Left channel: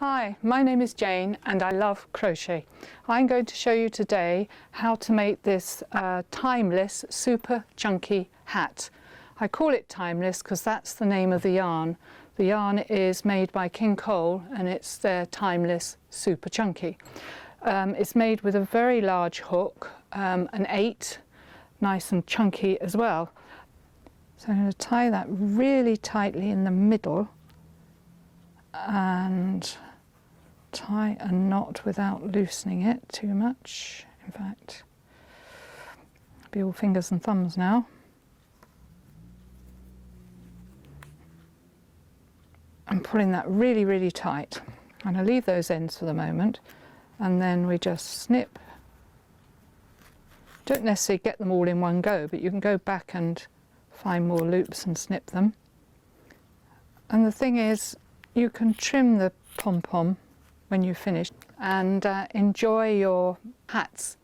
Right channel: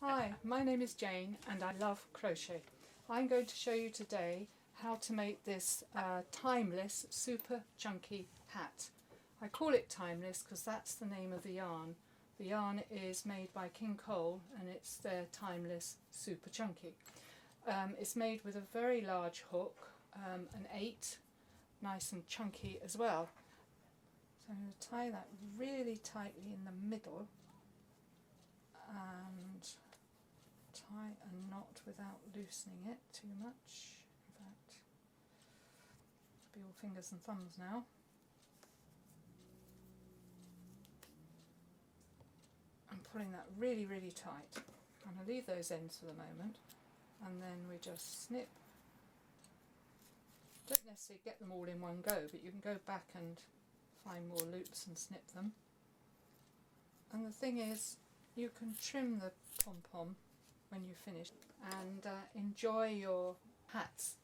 Hi, my name is Jane and I love crochet. I'm going to show you today how to make this timeless super chunky hat. I call it timeless because that's the name of the yarn. The yarn is made by King Cole and it's their timeless super chunky. It's made with a very large hook, an 8, nice and chunky as well. So I'm going to tie that really tightly in the middle and tie a knot without loosening it too much. In fact, be all fingers and thumbs now. I'm pulling that really tight. I'm going to leave those ends for the moment and then we just snip. Don't necessarily get them all in one go, but you can go back and find more loops and snip them. And the thing is, you can trim the pom-pom when you finish and enjoy your hats